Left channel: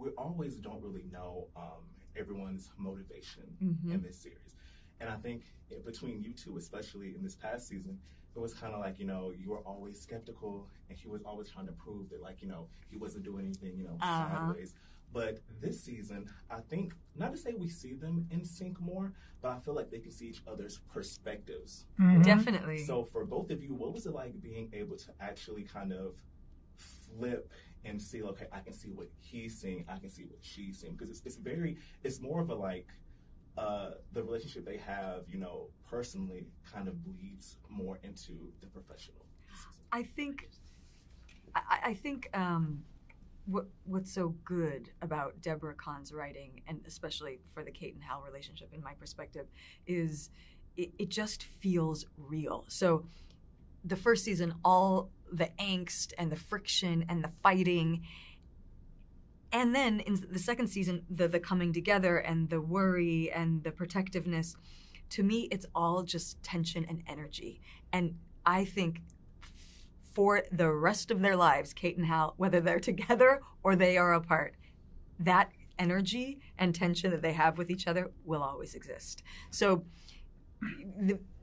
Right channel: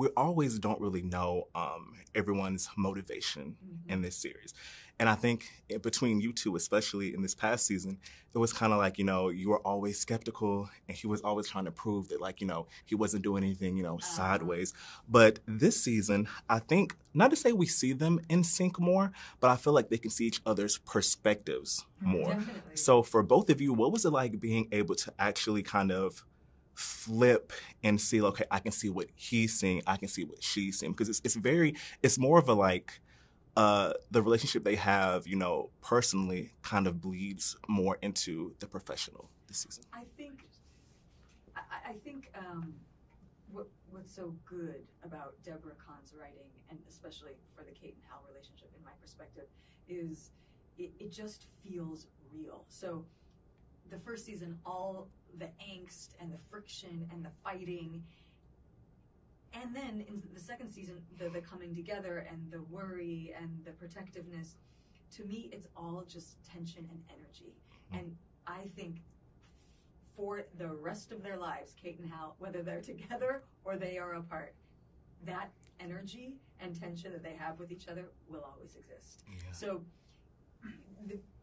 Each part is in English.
we always don't really know everyone's motivation in this series. And I think between you two, especially in this past season, it was kind of like, you know, you were always skeptical and he was always trying to prove that, like, you know, he wasn't doing anything, you know, sideways. But this season, I think, not to say we see them in sync more, but I feel like they can see each other's perspectives more. Definitely. So for both of you, what was it like being able to actually kind of flip and see, okay, I can see what he's seeing, I can see what she's seeing? Because it's more of a like, the relationship they have, you know, personally kind of bleeds more into the professional this season. I think what's so good about Deborah Kahn's writing, and especially for the Kate and Hal relationship, in my perspective, is it just feels real. So the first season, all the angst and the friction and the fighting. And then in the second season, the coming together and the worry and the protectiveness, to me, it's all just tension and energy. And I think for the rest of their lives, Kate and Hal, whether they're together or they are apart, that energy and tension that they have with each other will always exist. So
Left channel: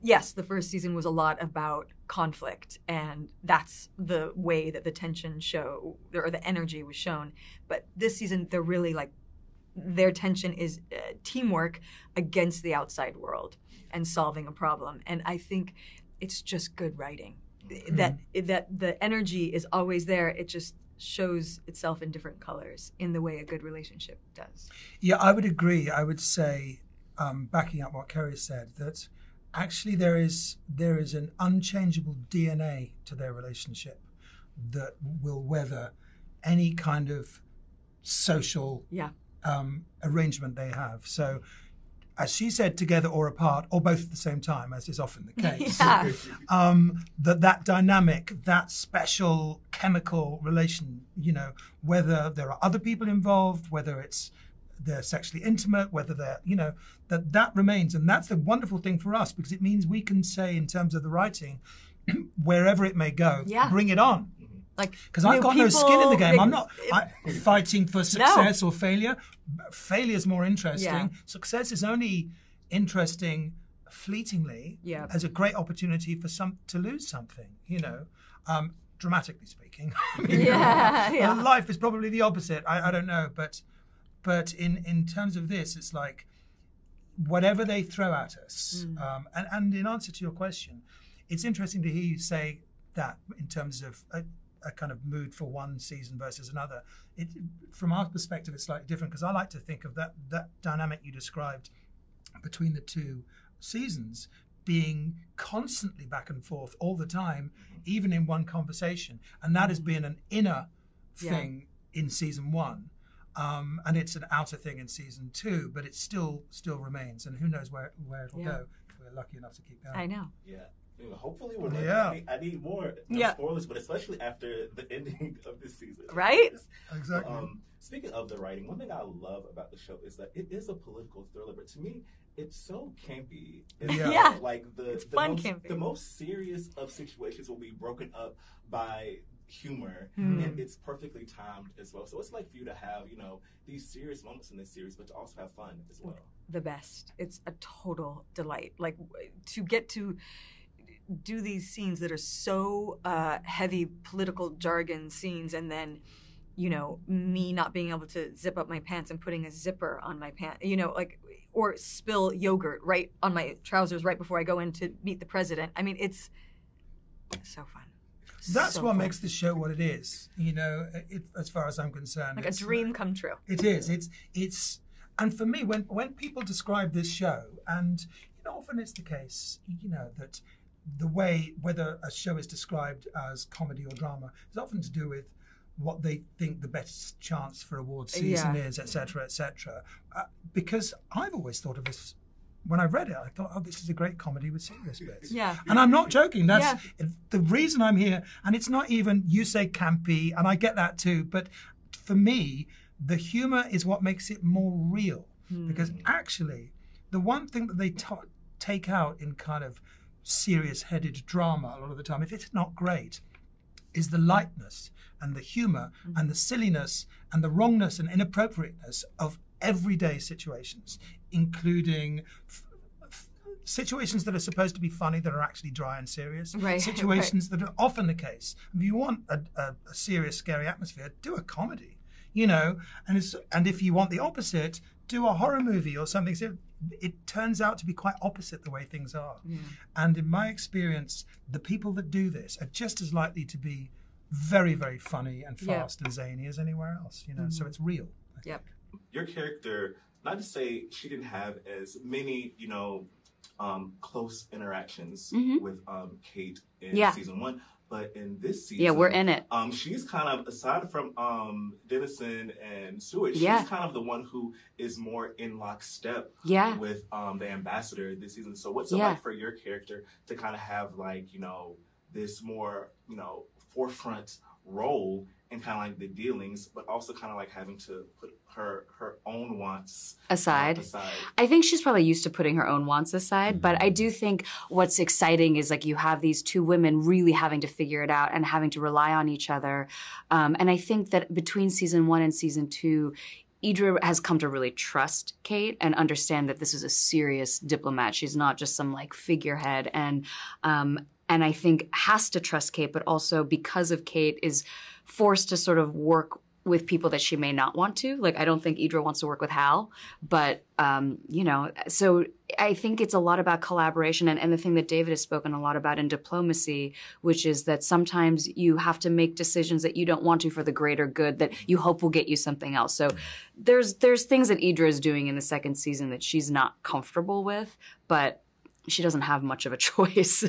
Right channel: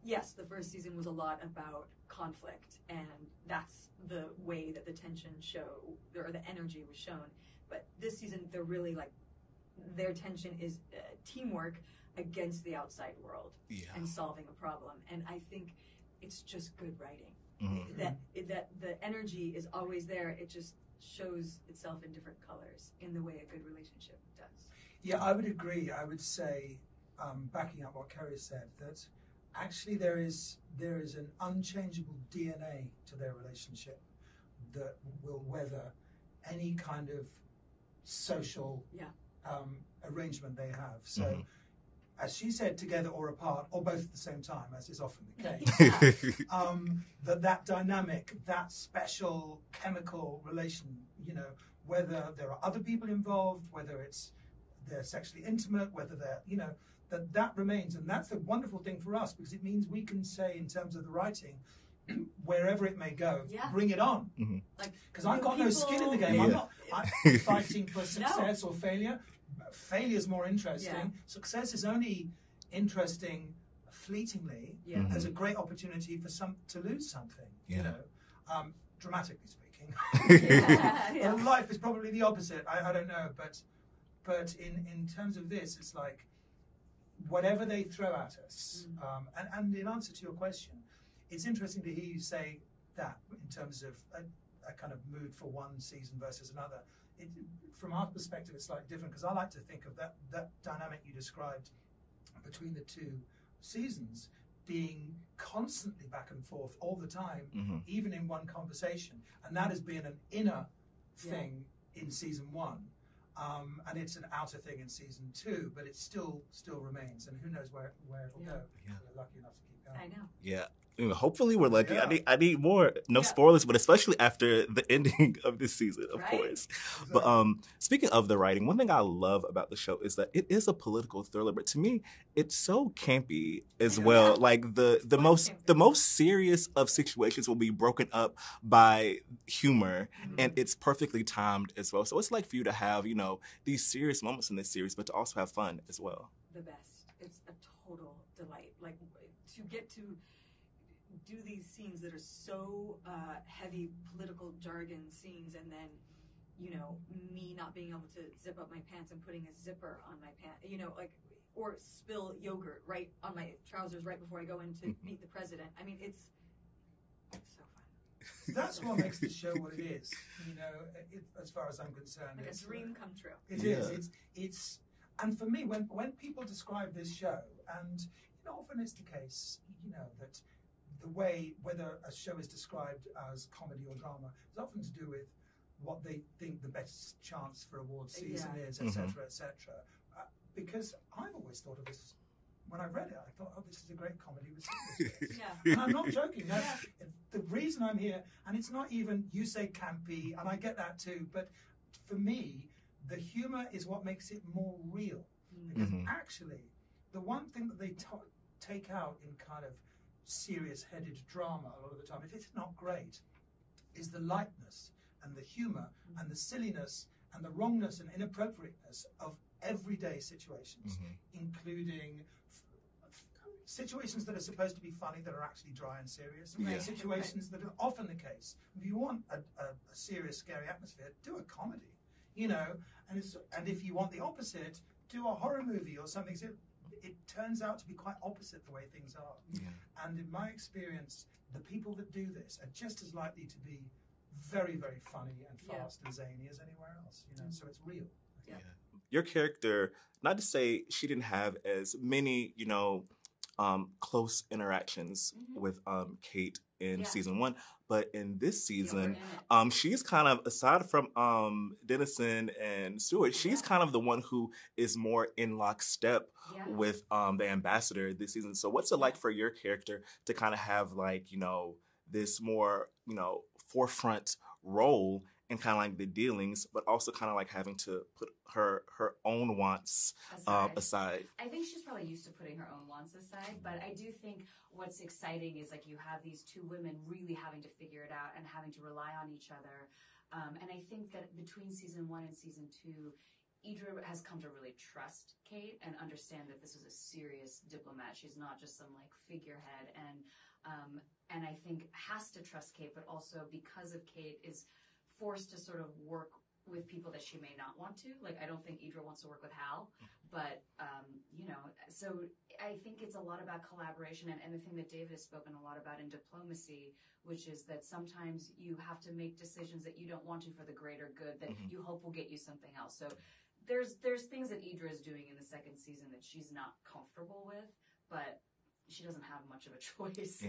yes, the first season was a lot about conflict, and that's the way that the tension or the energy was shown. But this season, they're really like, their tension is teamwork against the outside world and solving a problem. And I think it's just good writing. That the energy is always there. It just shows itself in different colors in the way a good relationship does. Yeah, I would agree. I would say, backing up what Keri said, that actually there is an unchangeable DNA to their relationship that will weather any kind of social arrangement they have. So, as she said, together or apart, or both at the same time, as is often the case, that dynamic, that special chemical relation, you know, whether there are other people involved, whether they're sexually intimate, whether they're, you know, that remains. And that's the wonderful thing for us, because it means we can say, in terms of the writing, wherever it may go, bring it on. Like, because I've got no skin in the game. I'm not fighting for success or failure. Failure is more interesting. Success is only interesting fleetingly as a great opportunity for to lose something, you know, dramatically speaking. Life is probably the opposite. I don't know, but in terms of this, it's like whatever they throw at us. And in answer to your question, it's interesting to hear you say that in terms of a kind of mood for one season versus another. From our perspective, it's slightly different, because I like to think of that dynamic you described between the two seasons being constantly back and forth all the time, even in one conversation. And that has been an inner thing in season one. And it's an outer thing in season two, but it still remains. And who knows where it'll go if we're lucky enough to keep going. I know. Yeah. Hopefully we're lucky. I need more. No spoilers, but especially after the ending of this season. Right? Exactly. But speaking of the writing, one thing I love about the show is that it is a political thriller, but to me, it's so campy as well. Like the most serious of situations will be broken up by humor, and it's perfectly timed as well. So it's like for you to have, you know, these serious moments in this series, but to also have fun as well. The best. It's a total delight. Like, to get to do these scenes that are so heavy political jargon scenes, and then, you know, me not being able to zip up my pants and putting a zipper on my pants, you know, like, or spill yogurt right on my trousers right before I go in to meet the president. I mean, it's so fun. That's so what makes the show what it is, you know, as far as I'm concerned. Like a dream come true. It is. It's and for me, when people describe this show, and, you know, often it's the case, you know, that the way, whether a show is described as comedy or drama, is often to do with what they think the best chance for award season is, etc., etc. Because I've always thought of this, when I read it, I thought, oh, this is a great comedy with serious bits. And I'm not joking. That's the reason I'm here. And it's not even, you say campy, and I get that too, but for me, the humor is what makes it more real. Because actually, the one thing that they take out in kind of serious-headed drama a lot of the time, if it's not great, is the lightness and the humor and the silliness and the wrongness and inappropriateness of everyday situations, including situations that are supposed to be funny that are actually dry and serious, situations that are often the case. If you want a serious, scary atmosphere, do a comedy, you know, and if you want the opposite, do a horror movie or something. So it turns out to be quite opposite the way things are. And in my experience, the people that do this are just as likely to be very, very funny and fast and zany as anywhere else, you know, so it's real. Your character, not to say she didn't have as many, you know, close interactions with Kate in season 1, but in this season, we're in it. She's kind of, aside from Dennison and Stewart, she's kind of the one who is more in lockstep with the ambassador this season. So what's it like for your character to kind of have, like, you know, this more, you know, forefront role in kind of like the dealings, but also kind of like having to put her own wants aside. I think she's probably used to putting her own wants aside, but I do think what's exciting is like you have these two women really having to figure it out and having to rely on each other. And I think that between season 1 and season 2, Idra has come to really trust Kate and understand that this is a serious diplomat. She's not just some like figurehead, and I think has to trust Kate, but also because of Kate is forced to sort of work with people that she may not want to. Like, I don't think Idra wants to work with Hal, but, you know, so I think it's a lot about collaboration and the thing that David has spoken a lot about in diplomacy, which is that sometimes you have to make decisions that you don't want to for the greater good that you hope will get you something else. So there's things that Idra is doing in the second season that she's not comfortable with, but she doesn't have much of a choice.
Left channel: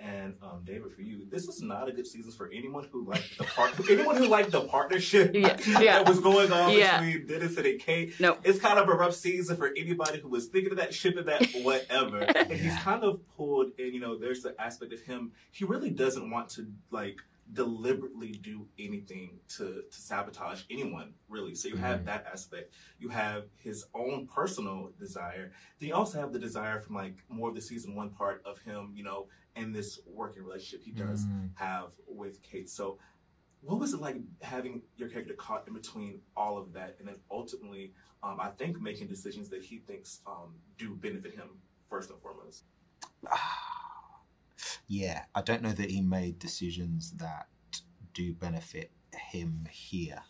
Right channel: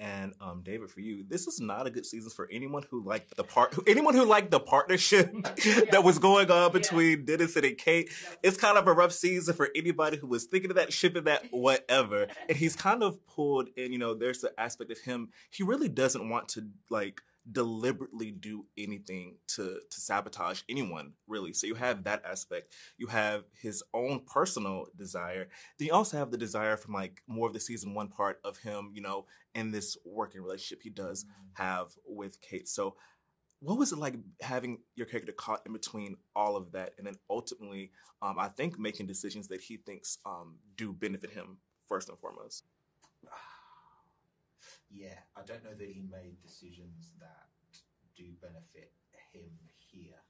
And David, for you, this is not a good season for anyone who liked the partnership that was going on between Dennison and Kate. It's kind of a rough season for anybody who was thinking of that, shipping that, whatever. And he's kind of pulled in, you know, there's the aspect of him, he really doesn't want to, like, deliberately do anything to sabotage anyone, really. So you have that aspect. You have his own personal desire. Then you also have the desire from, like, more of the season 1 part of him, you know, in this working relationship he does have with Kate. So what was it like having your character caught in between all of that and then ultimately, I think, making decisions that he thinks do benefit him first and foremost? Yeah, I don't know that he made decisions that do benefit him here.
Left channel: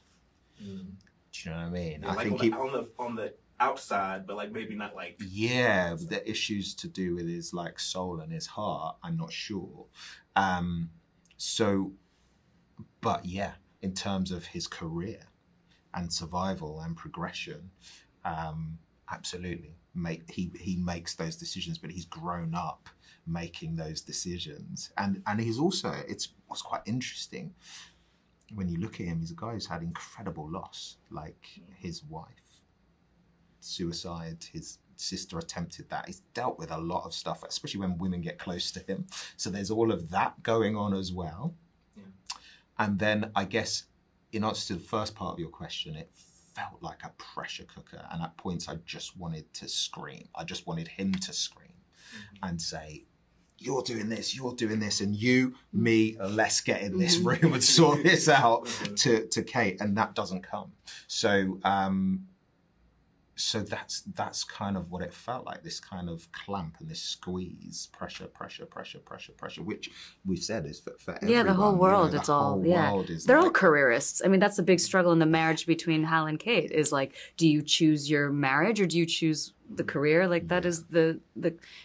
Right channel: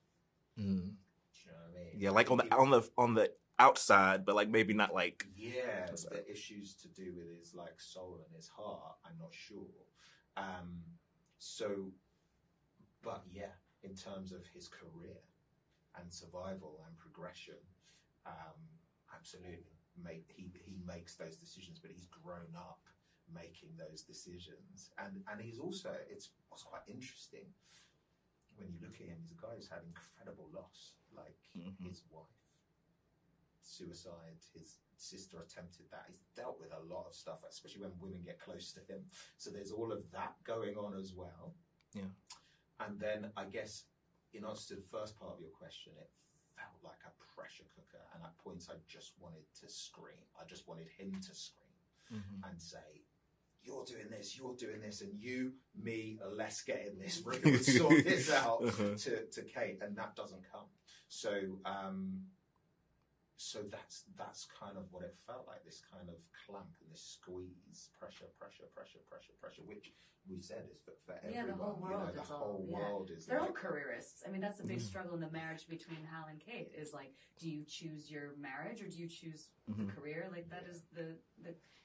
Do you know what I mean? Yeah, like on the outside, but like maybe not like... Yeah, the issues to do with his like soul and his heart, I'm not sure. But yeah, in terms of his career and survival and progression, absolutely. He makes those decisions, but he's grown up making those decisions. And he's also, what's quite interesting, when you look at him, he's a guy who's had incredible loss, like his wife, suicide, his sister attempted that. He's dealt with a lot of stuff, especially when women get close to him. So there's all of that going on as well. Yeah. And then I guess in answer to the first part of your question, it felt like a pressure cooker. And at points I just wanted to scream. I just wanted him to scream and say, you're doing this, and you, me, let's get in this room and sort this out to Kate, and that doesn't come. So that's kind of what it felt like, this kind of clamp and this squeeze, pressure, which we've said is for everyone. Yeah, the whole world, you know, They're all careerists. I mean, that's the big struggle in the marriage between Hal and Kate is like, do you choose your marriage or do you choose the career? Like that is the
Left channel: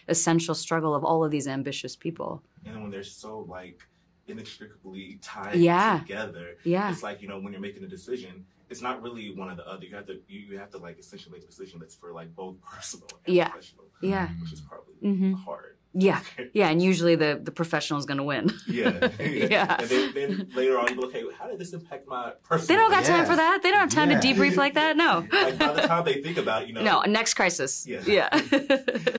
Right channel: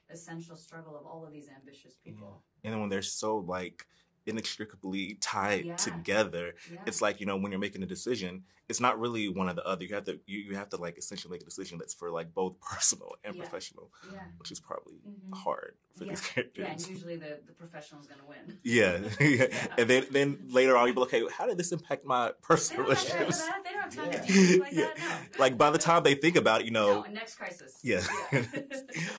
essential struggle of all of these ambitious people. And when they're so like inextricably tied together, it's like, you know, when you're making a decision, it's not really one or the other. You have to like essentially make a decision that's for like both personal and professional. Yeah. Which is probably hard. Yeah. Yeah. And usually the professional is going to win. Yeah. And then later on, you go, okay, how did this impact my personal? They don't got time for that. They don't have time to debrief like that. No. Like by the time they think about, you know. No, next crisis. Yeah.